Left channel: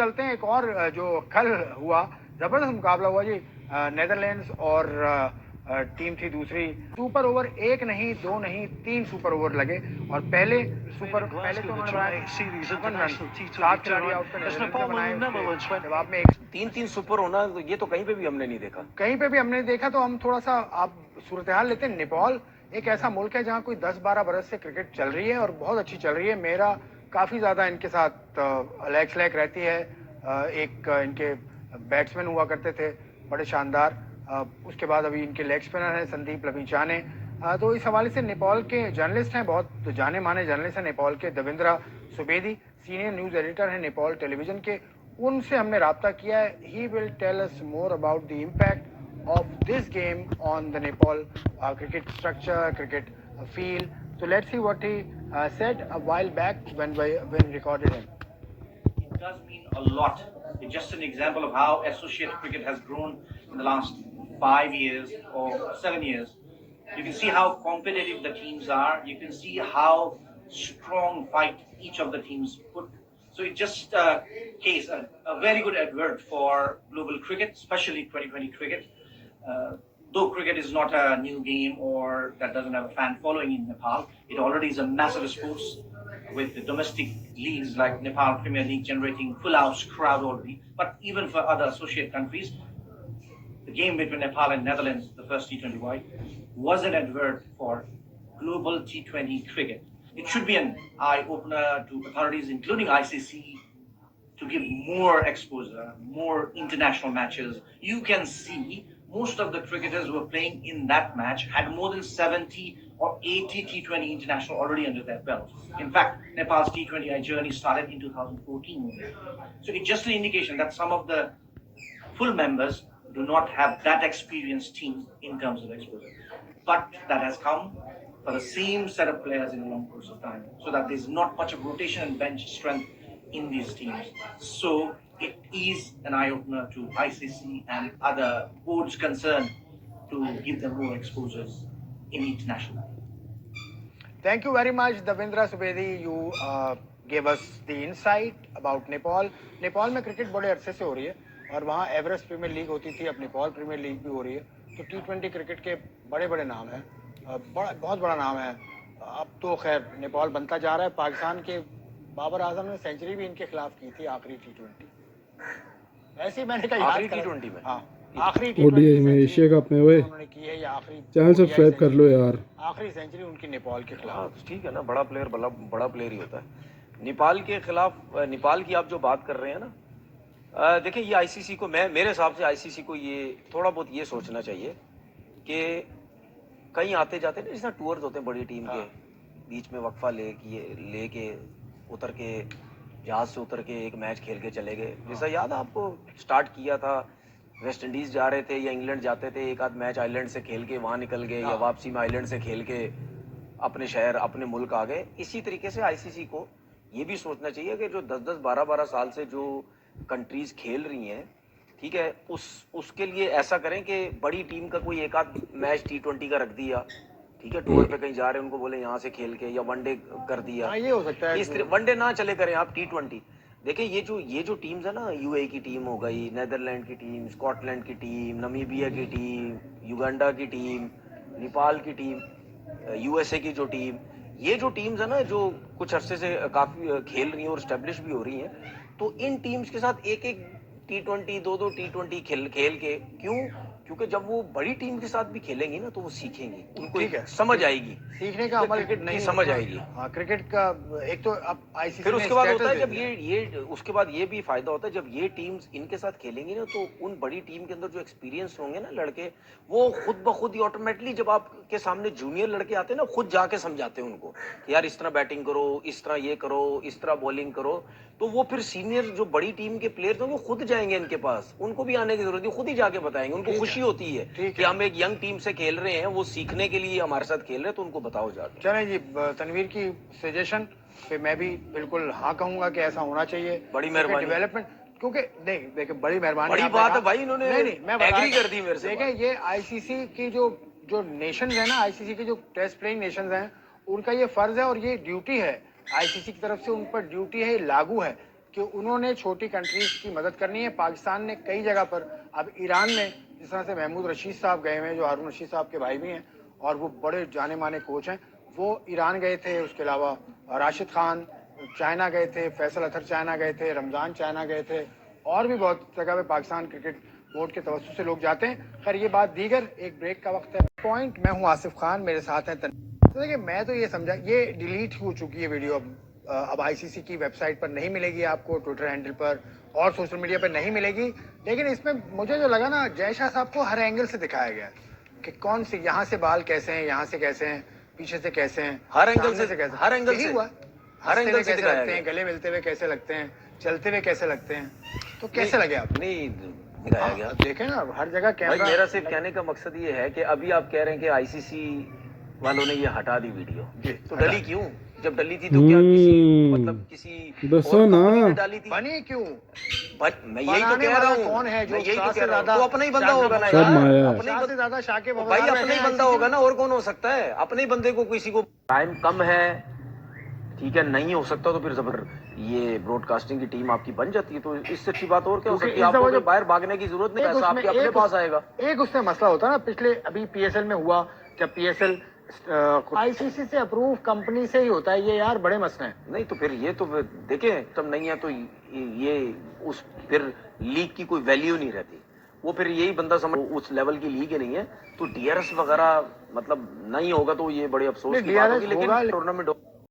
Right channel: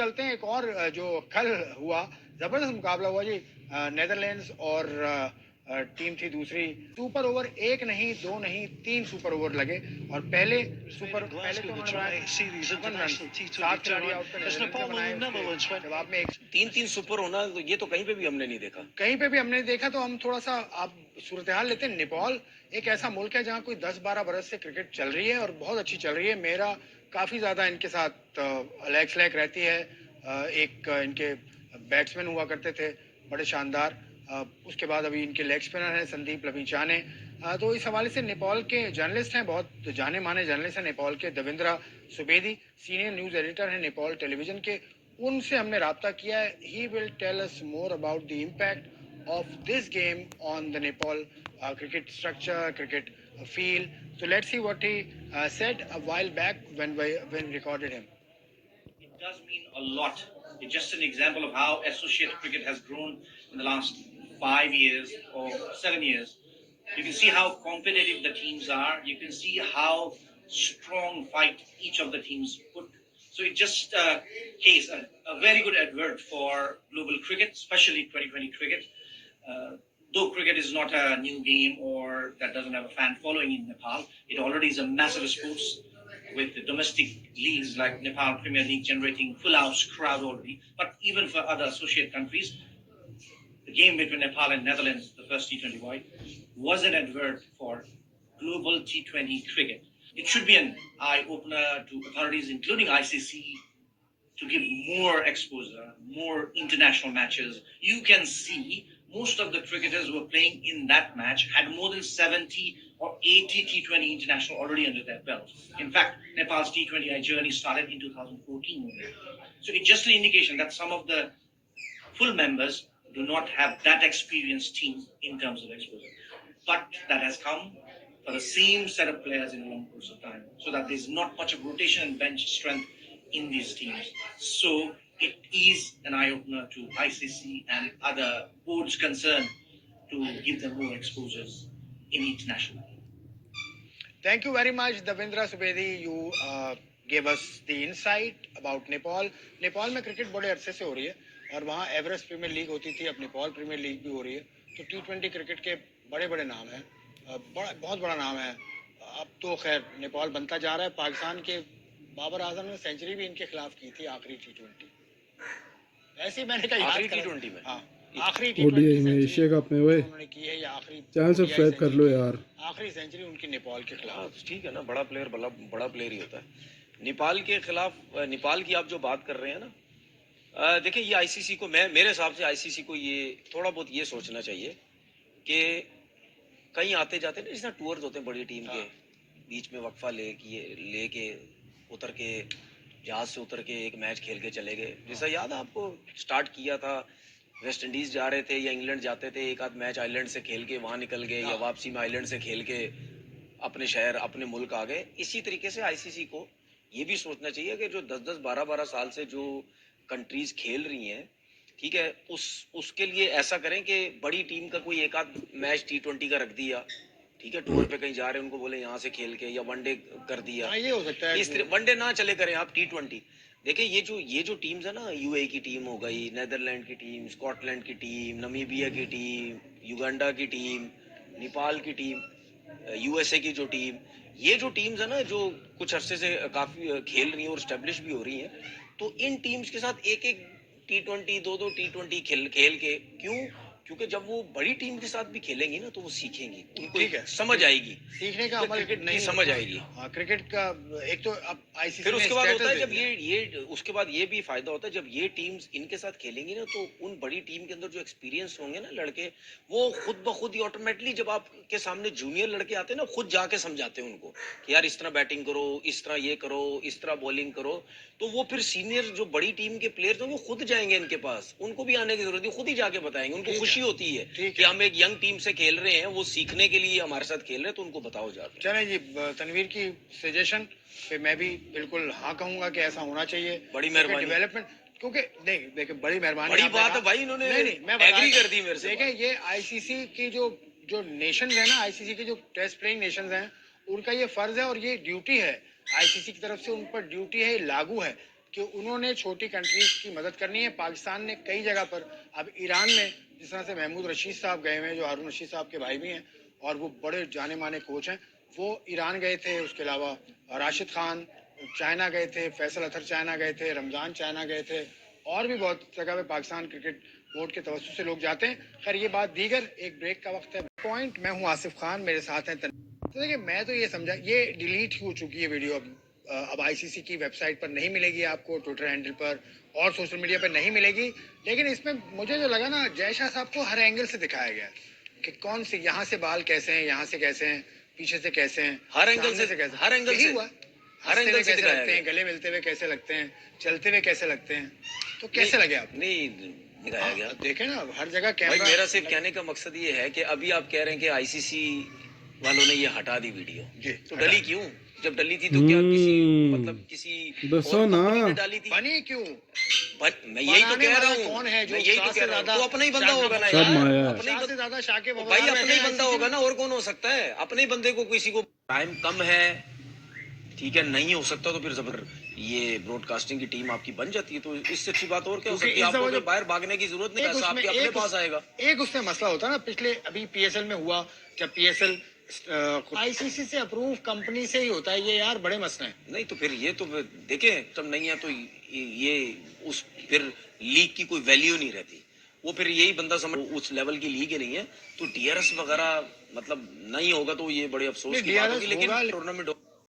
चलते हैं एक और जो कल हुआ, जबरदस्त मुकाबला हुआ जी। नेदरलैंड्स और टीम थी दूसरी। सुपर ओवर एक नहीं, दो नहीं, 3 सुपर ओवर लगे और पहले तो उन्होंने बनाए 7 रन, 7 खिलाड़ी आउट पे नेदरलैंड्स ने बनाए। उसके जवाब में एक 3-3 सुपर होना, तो ये तो कहीं पे भी हमने नहीं देखा। कहीं पे भी हमने देखा। तो हम थोड़ा सा आप सूरत हाल लेते हैं। नेपाल एक ऐसा मुल्क है जहाँ कोई 10-12 बरस से क्रिकेट चल रही है और बहुत अच्छी चल रही है। मेरा काफी ज्यादा इनके साथ लैक फ्लैक रहती है। एक इनके बैट्समैन हुआ करते थे बड़े शानदार। उसके बाद अभी इनके लेग स्पिनर हैं संदीप लविचाने। तो इस हवाले से नेपाल के जर्नलिस्ट हैं, बहुत जाने माने जर्नलिस्ट हैं नेपाल के, Devendra Subedi, senior news editor हैं नेपाल टेलीविजन के। उनसे हमने राब्ता किया है। He will tell us more about the impact of this game on the Nepal cricket structure, cricket feel. So let's see what he said a while back when we recorded him. It does mean a lot. It's just an example of how associate cricket has grown in the last 5 years or 7 years. You can see how competitive the teams are. You can see how strong fight each of the teams put. So it's just a very good advert for global cricket, especially 2020 cricket. Though cricket is not a new game or that doesn't have a fan following in Nepal, it already is a massive sport with the domestic leagues like Nepal Premier League generating full house crowd already. But even for other associate countries, the game between Nepal and Netherlands, the first T20 wide, was an advert for global T20 cricket. It should be an eye opener to authorities, including ICC, to give more exposure, more international matches. You can see most of the cricketers who were playing in that match had more than 70 or 80 T20 international already under their belt. In fact, Nepal's T20I journey started in 2014. So it's just an indication that some of the full members do not have that experienced team in terms of exposure. But that has come for the same set of players in a long course of time, so that there's not much of rotation and bench strength in these teams. So it is an eye-opener to ICC and other boards concerned to give them more exposures in international. Thank you very much, Davendra Subedi. You gave us the insight about Nepal. Nepal में cricket बड़े अरसे से हो रही है और वहाँ Everest premiere league होती थी, अब नेपाल प्रीमियर लीग भी हो रही है। तो T20 क्रिकेट के बड़े बड़े नाम हैं, बहुत बड़ा नाम है। अब तो खैर नेपाल बनता जा रहा है। पाकिस्तान के बाबर आजम ने सेंचुरी भी इनके खिलाफ की थी आखिरी T20। ऐसे ही मैंने कहा आखिरी T20 में, हाँ आखिरी ओडीआई में, एशिया कप में। वे उन्होंने की है ये आखिरी। चैनल सब्सक्राइब कर लो यार। आखिरी सेंचुरी उनकी नेपाल के खिलाफ। ठीक है ना, बड़ा प्लेयर बड़ा प्लेयर ही होता है। नेपाल के खिलाफ, नेपाल की आप जो बात कर रहे हैं ना, देखिए ये आईसीसी को, मेरे हिसाब से आईसीसी को ये थोड़ा बहुत ये सोचना चाहिए कि कहीं आते जाते ना, जिस टूर्स होते हैं बड़ी टीम के, बीच में वक्फा लेके उतर के, जहाज से उतर के एक मैच खेल के चले गए। जैसा याद आपको, स्टार्ट किया था वेस्ट इंडीज जा रहे थे या इंग्लैंड जाते थे, एक आध मैच आइलैंड से खेल के वहां निकल गए, या वापसी में आइलैंड से खेल के अपने शहर अपने मुल्क आ गए। इसी तरीके से आईसीसी को ये भी सोचना चाहिए कि जो 10-10 12-12 साल से जो कंट्रीज खेल रही हैं, ठीक है, उसके लिए ऐसा करें कि बड़ी टीम का कोई एक आध मैच T20 का रख दिया, ठीक है, टूर पे कहीं जा रहे हैं उनको बोले यहाँ से खेल के, या वनडे कर दिया। ये हो सकता है। इस वनडे ना चले करें आप, T20। देखिए ये जो टीम्स है ना, यूएई की टीम हो गई, नेदरलैंड की टीम, स्कॉटलैंड की टीम, नमीबिया की टीम, युगांडा की टीम, नेपाल की टीम, यूएसए की जो टीम, ये जो टीम्स है ना, जो कुछ अरसे से काफी खेल रही हैं और स्टेब्लिश भी हो रही हैं, तो इन टीम्स के साथ एक एक T20 दो T20 खेल के, क्योंकि जब वो बड़ी टीम के साथ भी खेलेंगी ना, तो वो सीखेंगी, उनको समझ आएगी, सीखने का अमल क्रिकेट नहीं समझ आएगी। हाँ, क्रिकेट का एक तो अब आईसीसी फिर उसके बाद होता है जब ये उसके बाद ये भी फायदा होता है, जब ये टीम्स इनके साथ खेलेंगी ना, तो उन बड़ी टीम के अंदर जो एक्सपीरियंस होंगे ना लड़के, वो खुद ब खुद ही ऑटोमेटिकली, जब आपके सामने जूनियर लड़के आते हैं ना, खुद जाके समझाते हैं उनको कि यार इस तरह बैटिंग करो, इस तरह ये करो, इस तरह बॉलिंग करो। तो वो फिर सीनियर जो बड़ी टीम के प्लेयर्स होंगे, खुद जाएंगे इनके पास, उनको भी आने की जरूरत नहीं, खुद ही जाके बताएंगे। उनको खुशी होती है कि हम एक यंग टीम से खेल रहे हैं, वो सीखने के लिए हमारे साथ खेल रहे हैं, तो उनको बताओ जाके। चलें जी, तनवीर की सजेशन पे मैं भी बिल्कुल हाँ कहूंगा कि ऐसा होना चाहिए। बड़ी मेहरबानी, डेवलपमेंट, क्योंकि देखिए बड़ी मेहरबानी, बड़ी बात है भाई, इन्होंने मैं एग्री कर दी मेरे से। देखिए ये आईसीसी की जो नेशंस है ना, आईसीसी के जो टेस्ट प्लेइंग नेशंस हैं, उनका ये फर्ज है और ये ड्यूटी है आईसीसी की तरफ से, उन पर ड्यूटी है, ये लागू है कि उन्होंने छोटी कंट्रीज की मदद करनी है। पाकिस्तान ने कई जगह पर, अब ईरान में जिस तरह से महमूद रशीद साहब गए हुए हैं, जो हारून रशीद साहब के भाई भी हैं और वो बड़े जाने माने कोच हैं, वो ईरान गए थे। उसके अलावा राशिद खान चाइना गए थे, फैसल अतर चाइना गए थे, रमजान चाइना गए थे, और भी बहुत जगह पे पाकिस्तान क्रिकेट बोर्ड के तवज्जो से लोग जाते हैं। खैर ये बात दीगर, एक ब्रेक का वक्त है। पॉइंट, मैं हूँ आसिफ खान, मेरे साथ हैं तो देखिए, मैं तो ये समझा ये डिलीट हो चुकी है वीडियो। अब आईसीसी की वेबसाइट पर नहीं मिलेगी आपको, ट्विटर हैंडल पर और सोशल मीडिया पर नहीं मिलेगी। लेकिन इसमें मुझे जो लगा ना, जय शाह साहब को हर एंगल से दिखाया गया कि कौन से यहाँ से बाल कैसे हैं, यहाँ से कैसे हैं, पीछे से कैसे हैं, हर एंगल सामने से कैसे, हर एंगल यही से हुआ। हर हंसते एंगल हुए से कैसे दिखाया लगते हैं, गया। गले मिलते हुए कैसे लगते हैं, चलते हुए कैसे लगते हैं, तो कैसे लगे आप? नहीं दिखाया गया। देखें ना, अब हर जगह भाई कैमरा। मेरा सिर्फ कहने का मकसद ये है कि अभी आप कह रहे हैं कि आईसीसी वालों ने ये हटा दी वीडियो, जी, तो हटा डली क्यों? जब डली थी तो क्या किसी मतलब किसी दसो और ना। कंपनी ने डाली थी? बनी क्यों? मैं यही तो बनाने कह रहा वाला हूँ, कौन है? जो मैं यही तो शाह कह से रहा हूँ, ज्यादा तो अपना ही बंदा शाकिब होगा ना सब यार, माया है। अपने ही शाह से ज्यादा शाकिब तो अवस्थी भाई अपना ही हैं बंदा ICC होगा ना, और कौन हो सकता है? अपने ही बंदे को किसी को टाइम कम है, ठीक है, नहीं हो सकता तो फिर जबर ये ब्रॉडकास्टिंग की टीम आपकी बन जाती है, तो इससे अच्छी बात और क्या हो क्योंकि सकती है? इस दफा आपको जो तो बाहर भागने की जरूरत नहीं, एक पैसा उसमें आपके अपने पास आएगा। एक उसमें मसला होता है ना, पिछले अभी पीएसएल में हुआ, जब पीएसएल आईसीसी से अप्रूव कंपनी से ही होता है, ये यार बड़े मसले हैं। नहीं तो फिर ये तो देखें, तब नहीं है तो ये उस फिर लीग की कोई वैल्यू नहीं रहती। वो फिर यही बंदा समझ उस लेवल की लीग ही नहीं है, तो डीआरएस वगैरह मतलब नहीं होगा तो ये बड़े अफसोस नहीं, की बात DRS होगी, लेकिन होगा, टूर्नामेंट